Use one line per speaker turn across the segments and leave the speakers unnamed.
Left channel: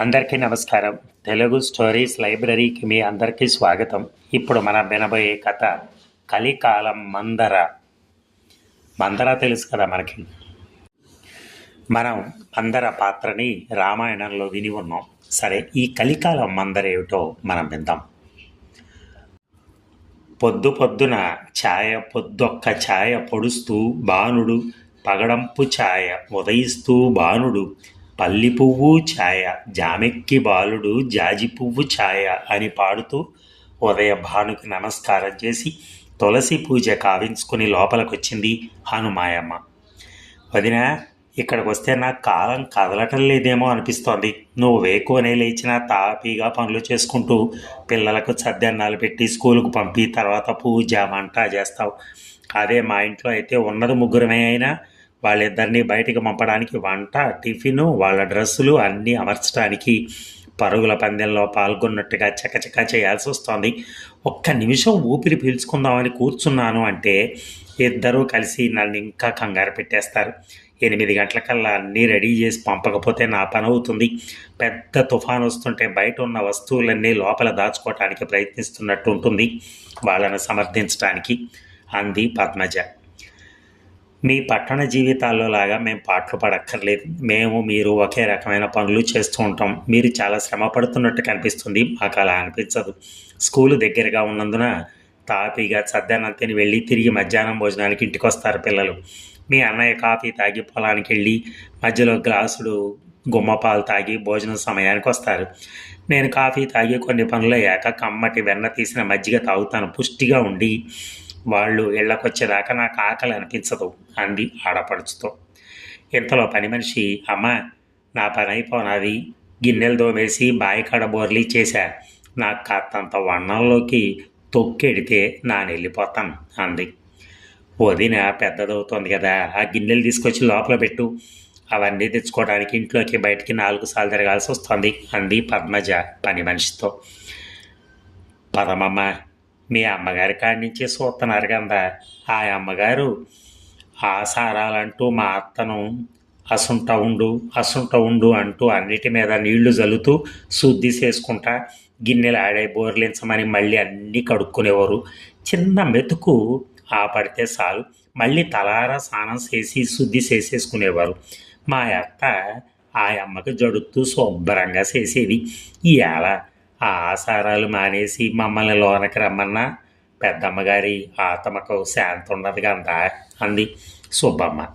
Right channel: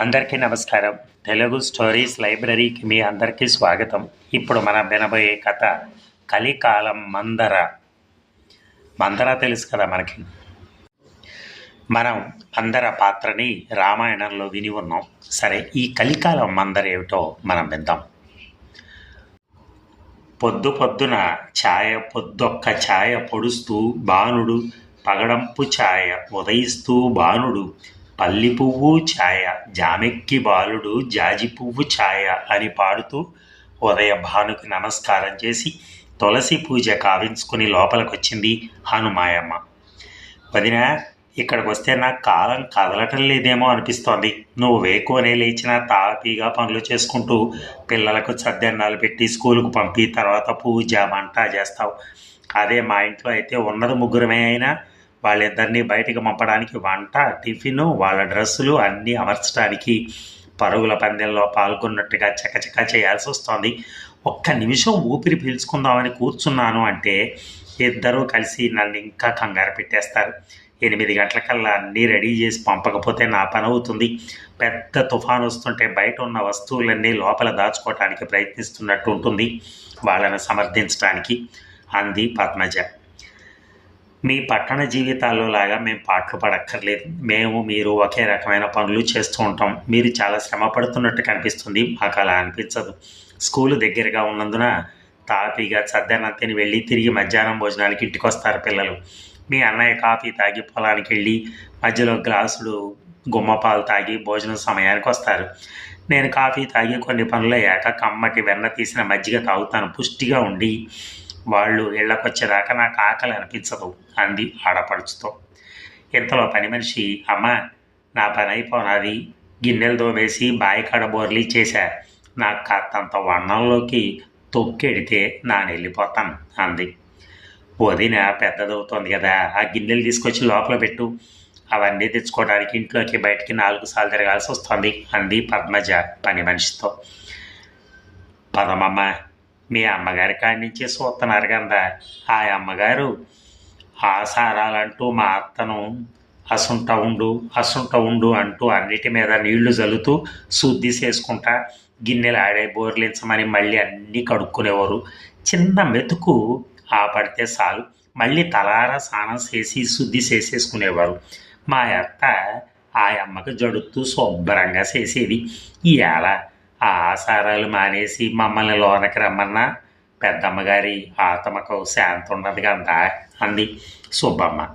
అందరికీ నమస్కారం. తెలుగు స్టోరీస్ లైబ్రరీకి మీ అందరికీ స్వాగతం. ఇప్పుడు మనం వినబోయే కథ కలికాలం మందర. మందర తెలుసు కదా మనకి? మనం మందర పాత్రని రామాయణంలో విని ఉన్నాం. సరే ఈ కలికాలం మందర ఏమిటో మనం విందాం. పొద్దు పొద్దున ఛాయ పొద్దొక్క ఛాయ పొడుస్తూ బాణుడు పగడంపు ఛాయ ఉదయిస్తూ బాణుడు పల్లి పువ్వు ఛాయ జామెక్కి బాలుడు జాజి పువ్వు ఛాయ అని పాడుతూ ఉదయ భానుకి నమస్కారం చేసి తులసి పూజ కావించుకుని లోపలికొచ్చింది హనుమాయమ్మ. వదిన ఇక్కడికి వస్తే నాకు కాలం కదలటం లేదేమో అనిపిస్తోంది. నువ్వు వేకువనే లేచినా తాపీగా పనులు చేసుకుంటూ పిల్లలకు సద్దన్నాలు పెట్టి స్కూలుకు పంపి తర్వాత పూజ వంట చేస్తావు. అదే మా ఇంట్లో అయితే ఉన్నది ముగ్గురమే అయినా వాళ్ళిద్దరినీ బయటికి పంపడానికి వంట టిఫిను వాళ్ళ డ్రెస్సులు అన్నీ అమర్చడానికి పరుగుల పందెంలో పాల్గొన్నట్టుగా చకచక చేయాల్సి వస్తోంది. ఒక్క నిమిషం ఊపిరి పీల్చుకుందామని కూర్చున్నాను అంటే ఇద్దరూ కలిసి నన్ను ఇంకా కంగారు పెట్టేస్తారు. ఎనిమిది గంటలకల్లా అన్నీ రెడీ చేసి పంపకపోతే నా పని అవుతుంది. పెద్ద తుఫాను వస్తుంటే బయట ఉన్న వస్తువులన్నీ లోపల దాచుకోవటానికి ప్రయత్నిస్తున్నట్టు ఉంటుంది వాళ్ళని సమర్థించడానికి అంది పద్మజ. మీ పట్టణ జీవితాల్లో లాగా మేము పాటలు పడక్కర్లేదు మేము మీరు ఒకే రకమైన పనులు చేస్తూ ఉంటాం. మీరు చాలా శ్రమ పడుతున్నట్టు కనిపిస్తుంది. మాకు అలా అనిపించదు. స్కూలు దగ్గరగా ఉన్నందున తాపీగా చద్దన్నం తిని వెళ్ళి తిరిగి మధ్యాహ్నం భోజనానికి ఇంటికి వస్తారు పిల్లలు. మీ అన్నయ్య కాఫీ తాగి పొలానికి వెళ్ళి మధ్యలో గ్లాసులు గుమ్మపాలు తాగి భోజనం సమయానికి వస్తారు. నేను కాఫీ తాగి కొన్ని పనులు అయ్యాక కమ్మటి వెన్న తీసిన మజ్జిగ తాగుతాను. పుష్టిగా ఉండి వాళ్ళు ఇళ్ళకొచ్చేదాకా నాకు ఆకలి అనిపించదు అంది ఆడపడుచుతో. ఇంతలో పని మనిషి అమ్మ నా పని అయిపోనాది. గిన్నెలు దోవేసి బాయికాడ బోర్లీ చేశా నాకు కాస్తంత వన్నంలోకి తొక్కెడితే నాను వెళ్ళిపోతాను అంది. వదిన పెద్దదవుతోంది కదా ఆ గిన్నెలు తీసుకొచ్చి లోపల పెట్టు. అవన్నీ తెచ్చుకోవడానికి ఇంట్లోకి బయటికి నాలుగు సార్లు తిరగాల్సి వస్తుంది అంది పద్మజ పని మనిషితో. పదమమ్మ మీ అమ్మగారి కాడి నుంచి చూస్తున్నారు కదా ఆ అమ్మగారు ఆసారాలంటూ మా అత్తను అసుంట ఉండు అసుంట ఉండు అంటూ అన్నిటి మీద నీళ్ళు జల్లుతూ శుద్ధి చేసుకుంటా గిన్నెలు ఆడే బోర్లించమని మళ్ళీ అన్నీ కడుక్కునేవారు. చిన్న మెతుకు ఆ పడితే చాలు. మళ్ళీ తలారా స్నానం చేసి శుద్ధి చేసేసుకునేవారు. మా అత్త ఆ అమ్మకు జడుతూ శుభ్రంగా చేసేది. ఇవాళ ఎలా ఆసారాలు మానేసి మమ్మల్ని లోనకి రమ్మన్నా పెద్దమ్మగారి ఆత్మకు శాంతి ఉన్నది అందా అంది సుబ్బమ్మ.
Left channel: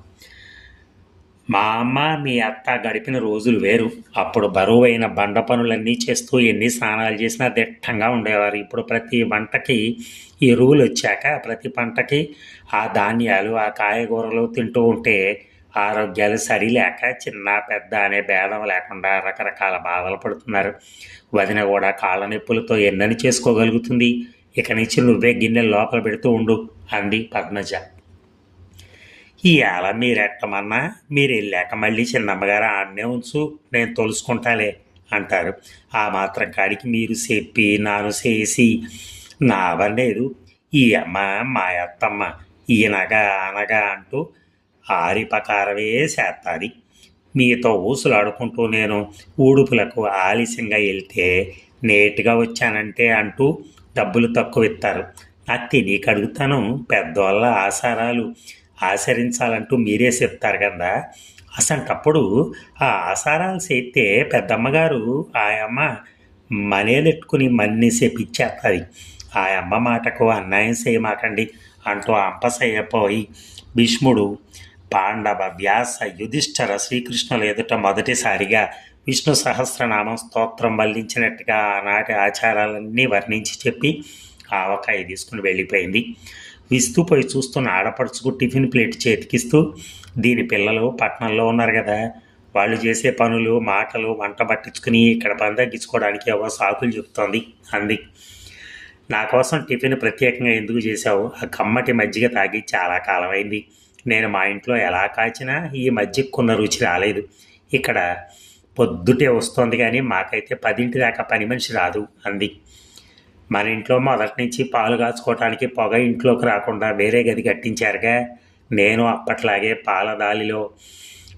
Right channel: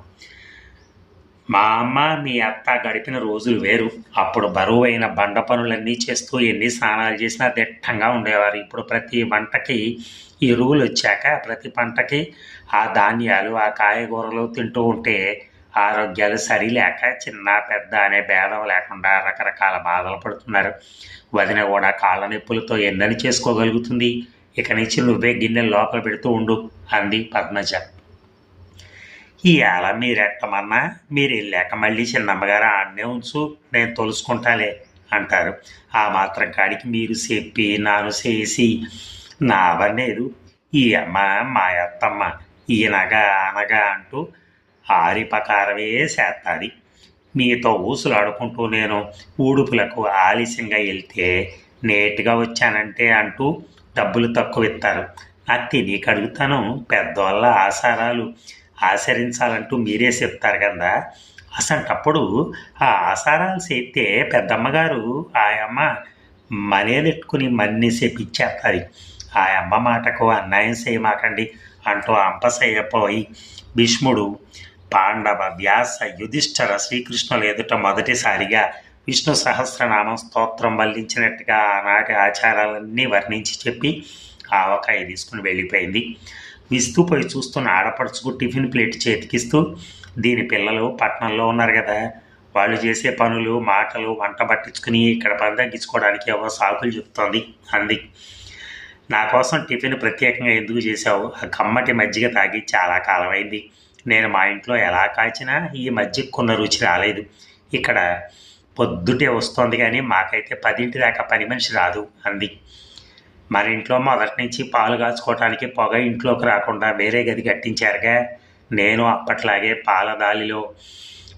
మా అమ్మ మీ అత్త గడిపిన రోజులు వేరు. అప్పుడు బరువైన బండ పనులన్నీ చేస్తూ ఎన్ని స్నానాలు చేసినా దిట్టంగా ఉండేవారు. ఇప్పుడు ప్రతి వంటకి ఎరువులు వచ్చాక ప్రతి పంటకి ఆ ధాన్యాలు ఆ కాయగూరలు తింటూ ఉంటే ఆరోగ్యాలు సరిలేక చిన్న పెద్ద అనే భేదం లేకుండా రకరకాల బాధలు పడుతున్నారు. వదిన కూడా కాళ్ళ నొప్పులతో ఎన్నని చేసుకోగలుగుతుంది? ఇక నుంచి నువ్వే గిన్నెలు లోపల పెడుతూ ఉండు అంది పద్మజ. ఇవాళ మీరెట్టమన్నా? మీరు వెళ్ళాక మళ్ళీ చిన్నమ్మగారు ఆడనే ఉంచు నేను తొలుసుకుంటాలే అంటారు. ఆ మాత్రం కాడికి మీరు చెప్పి నాను చేసి. నా అవ్వలేదు ఈ అమ్మ మా అత్తమ్మ ఈయనగా అనగా అంటూ ఆరిపకారమే చేస్తుంది. మీతో ఊసులాడుకుంటూ నేను ఊడుపులకు ఆలస్యంగా వెళ్తే నేటుగా వచ్చానంటే అంటూ డబ్బులు తక్కువ ఇస్తారు నాకు తెలియక అడుగుతాను పెద్దవాళ్ళ ఆసారాలు ఆచరించాలంటూ మీరే చెప్తారు కదా. అసంటప్పుడు ఆ ఆసారాలు చేస్తే పెద్దమ్మగారు ఆయమ్మ మనేలెట్టుకుని మన్ని చెప్పించేస్తుంది ఆ అమ్మ మాటకు అన్యాయం చేయమాకండి అంటూ అంపసయ్యపోయి భీష్ముడు పాండవ వ్యాస యుధిష్ఠర శ్రీకృష్ణుల ఎదుట మొదటిసారిగా విష్ణు సహస్రనామం స్తోత్రం వల్లించినట్టుగా ఆనాటి ఆచారాలన్నీ వర్ణించి చెప్పి ఆవకాయ తీసుకుని వెళ్ళిపోయింది. విస్తుపోయి చూస్తున్న ఆడపడుచుకు టిఫిన్ ప్లేట్ చేతికిస్తూ దీని పిల్లలు పట్టణంలో ఉన్నారు కదా. వాళ్ళు చేసే పనులు మాటలు వంట పట్టించుకుని ఇక్కడ పని తగ్గించుకోవడానికి ఏవో సాకులు చెప్తోంది అంది. నా కోసం టిఫిన్ ప్రత్యేకంగా ఎందుకు చేశావు? ఆ కమ్మటి మజ్జిగ తాగి చాలా కాలమైంది. నేను మా ఇంట్లో ఎలా కాచినా ఈ మధ్య కొన్న రుచి రాలేదు. ఇక్కడ పొద్దుటే వస్తోంది కానీ మాకైతే పదింటి దాకా పని మనిషి రాదు అంది. మన ఇంట్లో మొదటి నుంచి పాలు కాచుకోవటానికి పొగ ఇంట్లోకి రాకుండా వేరే గది కట్టించారుగా. నేను అప్పట్లాగే పాల దాలిలో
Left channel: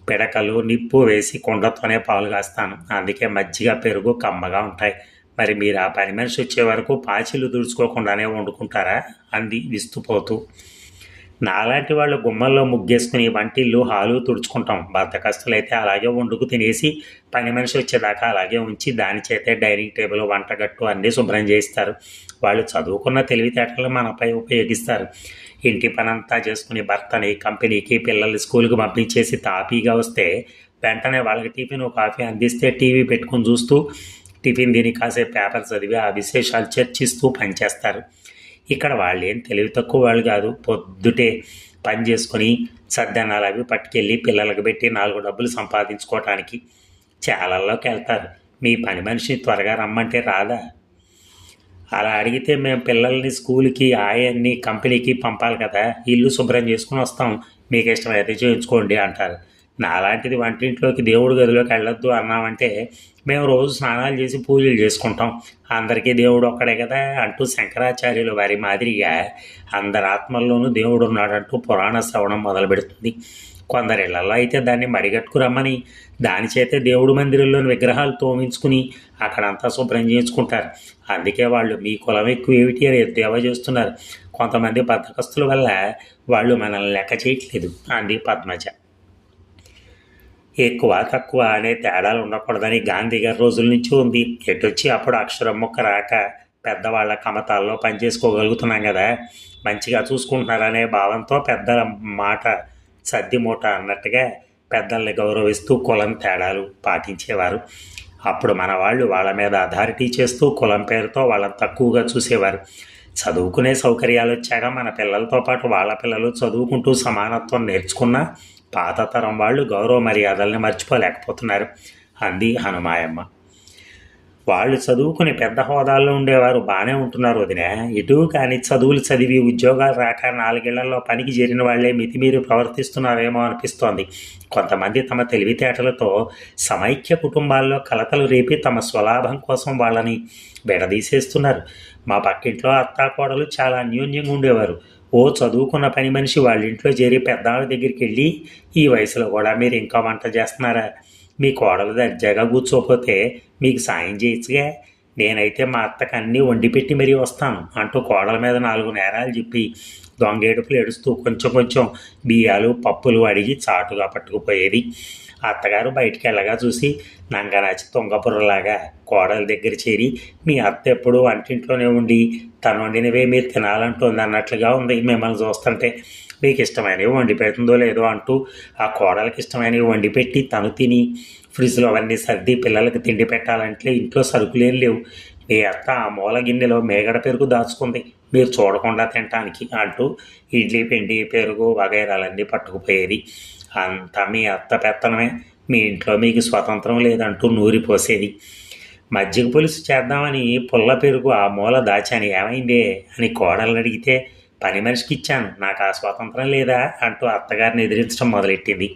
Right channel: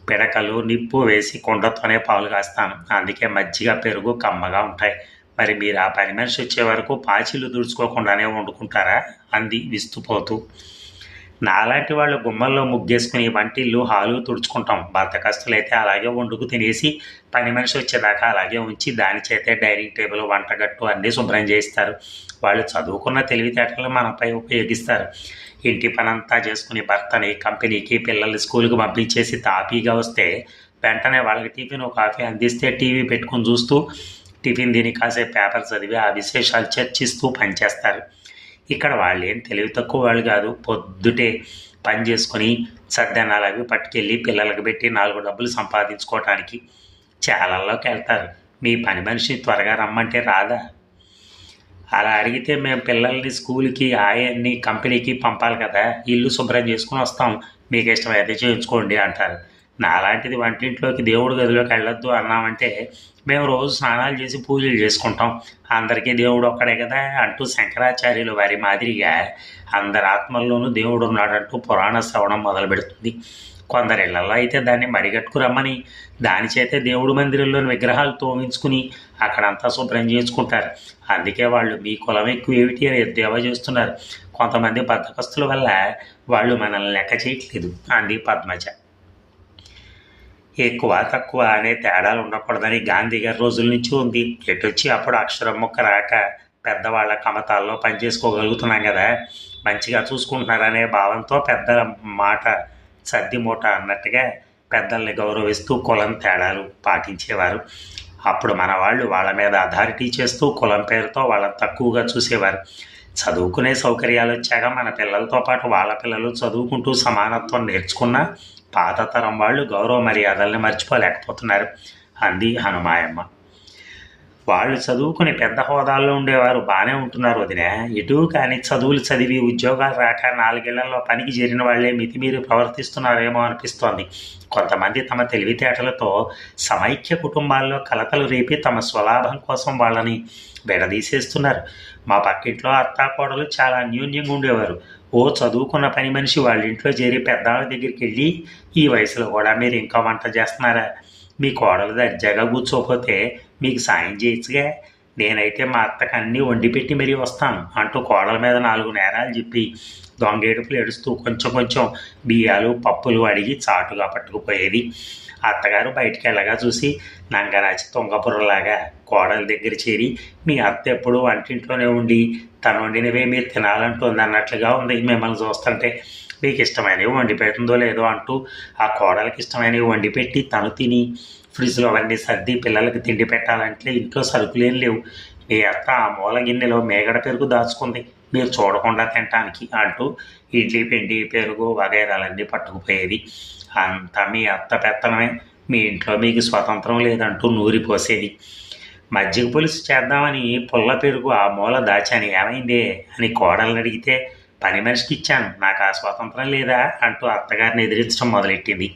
పిడకలు నిప్పు వేసి కుండతోనే పాలు కాస్తాను. అందుకే మజ్జిగ పెరుగు కమ్మగా ఉంటాయి. మరి మీరు ఆ పని మనిషి వచ్చే వరకు పాచిలు దుడుచుకోకుండానే వండుకుంటారా? అంది విస్తుపోతూ. నాలాంటి వాళ్ళు గుమ్మల్లో ముగ్గేసుకుని వంటిల్లు హాలు తుడుచుకుంటాం. బద్దకస్తులైతే అలాగే వండుకు తినేసి పని మనిషి వచ్చేదాకా అలాగే ఉంచి దాని చేతే డైనింగ్ టేబుల్ వంటగట్టు అన్నీ శుభ్రం చేయిస్తారు. వాళ్ళు చదువుకున్న తెలివితేటలు మనపై ఉపయోగిస్తారు. ఇంటి పనంతా చేసుకుని భర్తని కంపెనీకి పిల్లల్ని స్కూల్కి పంపించేసి తాపీగా వస్తే వెంటనే వాళ్ళకి టిఫిన్ కాఫీ అందిస్తే టీవీ పెట్టుకుని చూస్తూ టిఫిన్ తిని కాసేపు పేపర్ చదివి ఆ విశేషాలు చర్చిస్తూ పనిచేస్తారు. ఇక్కడ వాళ్ళు ఏం తెలివి తక్కువ వాళ్ళు కాదు. పొద్దుటే పని చేసుకొని సద్దనాలు అవి పట్టుకెళ్ళి పిల్లలకు పెట్టి నాలుగు డబ్బులు సంపాదించుకోవటానికి చాలల్లోకి వెళ్తారు. మీ పని మనిషిని త్వరగా రమ్మంటే రాదా? అలా అడిగితే మేము పిల్లల్ని స్కూల్కి ఆయన్ని కంపెనీకి పంపాలి కదా. ఇల్లు శుభ్రం చేసుకుని వస్తాం. మీకు ఇష్టమైతే చేయించుకోండి అంటారు. నాలాంటిది వంటింట్లోకి దేవుడి గదిలోకి వెళ్ళొద్దు అన్నామంటే మేము రోజు స్నానాలు చేసి పూజలు చేసుకుంటాం. అందరికీ దేవుడు ఒక్కడే కదా అంటూ శంకరాచార్యులు వారి మాదిరిగా అందరి ఆత్మల్లోనూ దేవుడు ఉన్నాడంటూ పురాణ శ్రవణం మొదలు పెడుతుంది కొందరి ఇళ్ళలో అయితే దాన్ని మడిగట్టుకు రమ్మని దాని చేతే దేవుడి మందిరంలోని విగ్రహాలు తోమించుకుని అక్కడంతా శుభ్రం చేయించుకుంటారు అందుకే వాళ్ళు మీ కులం ఎక్కువ ఏమిటి అని ఎద్దేవా చేస్తున్నారు. కొంతమంది బద్దకస్తుల వల్ల వాళ్ళు మనల్ని లెక్క చేయట్లేదు అంది పద్మజ. ఎక్కువ తక్కువ అనే తేడాలు ఉండకూడదని గాంధీ గారి రోజుల నుంచి ఉంది. ఎటొచ్చి అప్పుడు అక్షరం ముక్క రాక పెద్దవాళ్ళ కమతాల్లో పనిచేసుకోగలుగుతున్నాం కదా. మంచిగా చూసుకుంటున్నారనే భావంతో పెద్దల మాట సర్ది మూట అన్నట్టుగా పెద్దల్ని గౌరవిస్తూ కులం తేడాలు పాటించేవారు. అప్పుడు మన వాళ్ళు వాళ్ళ మీద అథారిటీ చేస్తూ కులం పేరుతో వాళ్ళని తక్కువగా చూసేవారు. చదువుకునే సౌకర్యాలు వచ్చాక మన పిల్లలతో పాటు వాళ్ళ పిల్లలు చదువుకుంటూ సమానత్వం నేర్చుకున్నా పాత తరం వాళ్ళు గౌరవ మర్యాదల్ని మర్చిపోలేకపోతున్నారు అంది హనుమాయమ్మ. వాళ్ళు చదువుకుని పెద్ద హోదాల్లో ఉండేవారు బాగానే ఉంటున్నారు వదిన. ఇటు కానీ చదువులు చదివి ఉద్యోగాలు రాక నాలుగేళ్ళలో పనికి చేరిన వాళ్ళే మితిమీరి ప్రవర్తిస్తున్నారేమో అనిపిస్తోంది. కొంతమంది తమ తెలివితేటలతో సమైక్య కుటుంబాల్లో కలతలు రేపి తమ స్వలాభం కోసం వాళ్ళని విడదీసేస్తున్నారు. మా పక్కింట్లో అత్తాకోడలు చాలా న్యూన్యంగా ఉండేవారు. ఓ చదువుకున్న పని మనిషి వాళ్ళ ఇంట్లో చేరి పెద్దవాళ్ళ దగ్గరికి వెళ్ళి ఈ వయసులో కూడా మీరు ఇంకా వంట చేస్తున్నారా? మీ కోడలు దర్జాగా కూర్చోకపోతే మీకు సాయం చేయొచ్చుగా? నేనైతే మా అత్తకు అన్నీ వండి పెట్టి మరీ వస్తాను అంటూ కోడల మీద నాలుగు నేరాలు చెప్పి దొంగేడుపులు ఏడుస్తూ కొంచెం కొంచెం బియ్యాలు పప్పులు అడిగి చాటుగా పట్టుకుపోయేది. అత్తగారు బయటికి వెళ్ళగా చూసి నంగనాచి తుంగపుర్రలాగా కోడల దగ్గర చేరి మీ అత్త ఎప్పుడు వంటింట్లోనే ఉండి తను వండినవే మీరు తినాలంటుంది అన్నట్లుగా ఉంది మిమ్మల్ని చూస్తుంటే. మీకు ఇష్టమైనవి వండి పెడుతుందో లేదో అంటూ ఆ కోడలకి ఇష్టమైనవి వండి పెట్టి తను తిని ఫ్రిడ్జ్లో అవన్నీ సర్ది పిల్లలకి తిండి పెట్టాలంటే ఇంట్లో సరుకులేం లేవు. మీ అత్త ఆ మూల గిన్నెలో మేగడ పెరుగు దాచుకుంది మీరు చూడకుండా తినటానికి అంటూ ఇడ్లీ పిండి పెరుగు వగైరాలన్నీ పట్టుకుపోయేది. అంత మీ అత్త పెత్తనమే. మీ ఇంట్లో మీకు స్వతంత్రం లేదంటూ నూరిపోసేది మజ్జిగ పులుసు చేద్దామని పుల్ల పెరుగు ఆ మూల దాచాను. ఏమైందే? అని కోడల్ని అడిగితే పని మనిషికి ఇచ్చాను. నాకు ఆ స్వాతంత్రం లేదా? అంటూ అత్తగారిని ఎదిరించడం మొదలెట్టింది.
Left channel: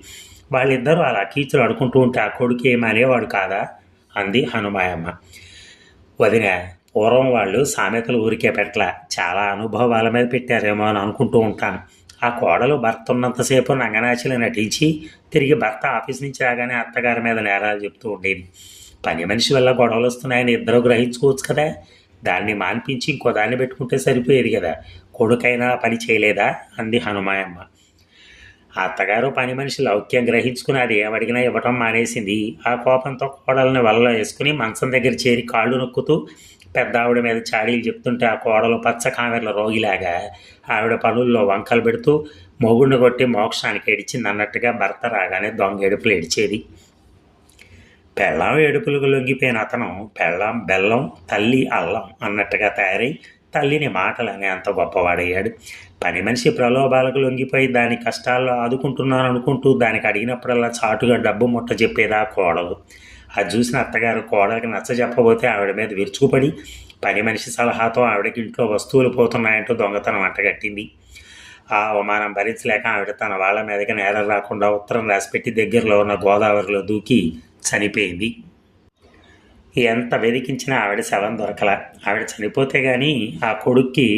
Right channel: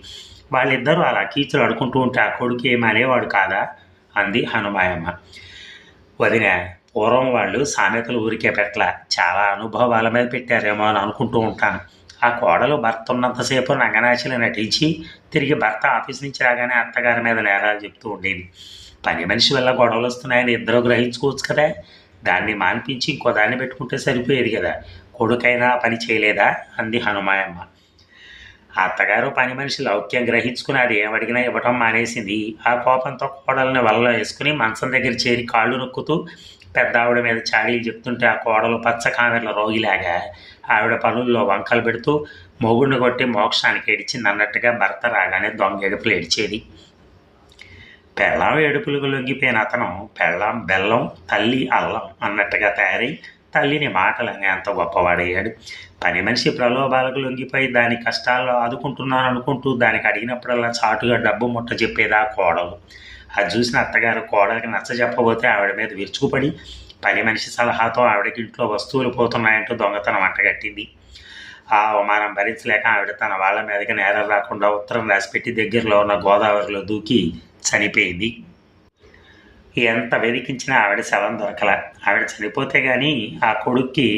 వాళ్ళిద్దరూ అలా కీచులు అడుకుంటూ ఉంటే ఆ కొడుకు ఏమనేవాడు కాదా? అంది హనుమాయమ్మ. వదిన పూర్వం వాళ్ళు సామెతలు ఊరికే పెట్టల. చాలా అనుభవాల మీద పెట్టారేమో అని అనుకుంటూ ఉంటాను. ఆ కోడలు భర్త ఉన్నంతసేపు నంగనాచిలో నటించి తిరిగి భర్త ఆఫీస్ నుంచి రాగానే అత్తగారి మీద నేరాలు చెప్తూ ఉండేది. పని మనిషి వల్ల గొడవలు వస్తున్నాయని ఇద్దరు గ్రహించుకోవచ్చు కదా? దాన్ని మాన్పించి ఇంకో దాన్ని పెట్టుకుంటే సరిపోయేది కదా? కొడుకైనా పని చేయలేదా? అంది హనుమాయమ్మ. ఆ అత్తగారు పని మనిషి లౌక్యం గ్రహించుకుని అది ఏమడిగినా ఇవ్వటం మానేసింది. ఆ కోపంతో కోడల్ని వల్ల వేసుకుని మంచం దగ్గర చేరి కాళ్ళు నొక్కుతూ పెద్ద ఆవిడ మీద చాడీలు చెప్తుంటే ఆ కోడలు పచ్చ కామెర్ల రోగిలాగా ఆవిడ పనుల్లో వంకలు పెడుతూ మొగుడిని కొట్టి మోక్షానికి ఏడిచింది అన్నట్టుగా భర్త రాగానే దొంగ ఏడుపులు ఏడిచేది. పెళ్ళాం ఏడుపులకు లొంగిపోయిన అతను పెళ్ళాం బెల్లం తల్లి అల్లం అన్నట్టుగా తయారై తల్లిని మాటలని అంత గొప్పవాడయ్యాడు. పని మనిషి ప్రలోభాలకు లొంగిపోయి దాని కష్టాల్లో ఆదుకుంటున్నాను అనుకుంటూ దానికి అడిగినప్పుడల్లా చాటుగా డబ్బు ముట్ట చెప్పేదా కోడలు. అది చూసిన అత్తగారు కోడలికి నచ్చ చెప్పబోతే ఆవిడ మీద విరుచుకుపడి పని మనిషి సలహాతో ఆవిడకి ఇంట్లో వస్తువులు పోతున్నాయంటూ దొంగతనం అంటగట్టింది. ఆ అవమానం భరించలేక ఆవిడ తన వాళ్ళ మీదకి నేరం రాకుండా ఉత్తరం రాసిపెట్టి దగ్గరలో ఉన్న గోదావరిలో దూకి చనిపోయింది. ఎంత వెతికించినా ఆవిడ శవం దొరకల. ఆవిడ చనిపోతే కానీ ఆ కొడుక్కి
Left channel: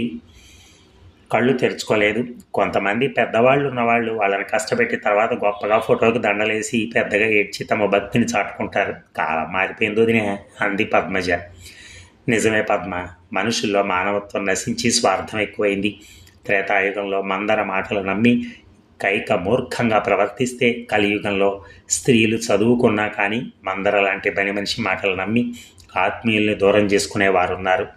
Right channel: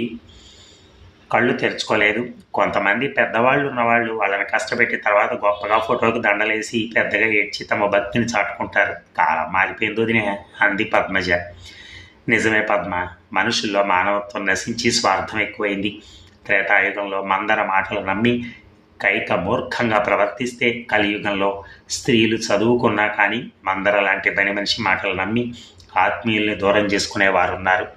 కళ్ళు తెరుచుకోలేదు. కొంతమంది పెద్దవాళ్ళు ఉన్నవాళ్ళు వాళ్ళని కష్టపెట్టి తర్వాత గొప్పగా ఫోటోకి దండలేసి పెద్దగా ఏడ్చి తమ భక్తిని చాటుకుంటారు. కాలం మారిపోయింది వదినే అంది పద్మజ. నిజమే పద్మ మనుషుల్లో మానవత్వం నశించి స్వార్థం ఎక్కువైంది. త్రేతాయుగంలో మందర మాటలు నమ్మి కైక మూర్ఖంగా ప్రవర్తిస్తే కలియుగంలో స్త్రీలు చదువుకున్నా కానీ మందర లాంటి పని మనిషి మాటలు నమ్మి ఆత్మీయుల్ని దూరం చేసుకునేవారున్నారు.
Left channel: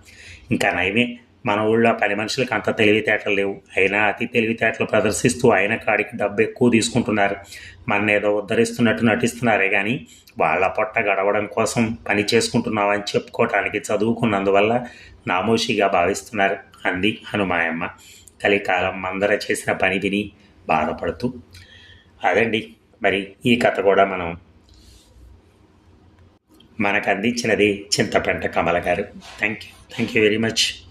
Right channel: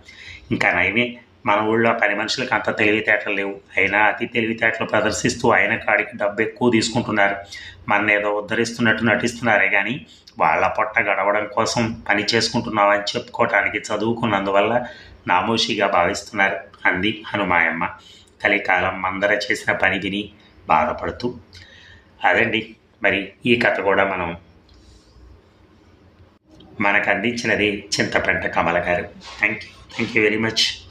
ఇంకా నయమే మన ఊళ్ళో పని మనుషులకు అంత తెలివితేటలు లేవు. అయినా అతి తెలివితేటలు ప్రదర్శిస్తూ ఆయన కాడికి డబ్బు ఎక్కువ తీసుకుంటున్నారు. మన ఏదో ఉద్ధరిస్తున్నట్టు నటిస్తున్నారే కానీ వాళ్ళ పొట్ట గడవడం కోసం పని చేసుకుంటున్నామని చెప్పుకోవటానికి చదువుకున్నందువల్ల నామోషిగా భావిస్తున్నారు అంది హనుమాయమ్మ. కలికాలం మందర చేసిన పని విని బాధపడుతూ అదండి మరి ఈ కథ కూడా మనం మనకు అందించినది చింతపెంట కమల గారు. Thank you thank you very much.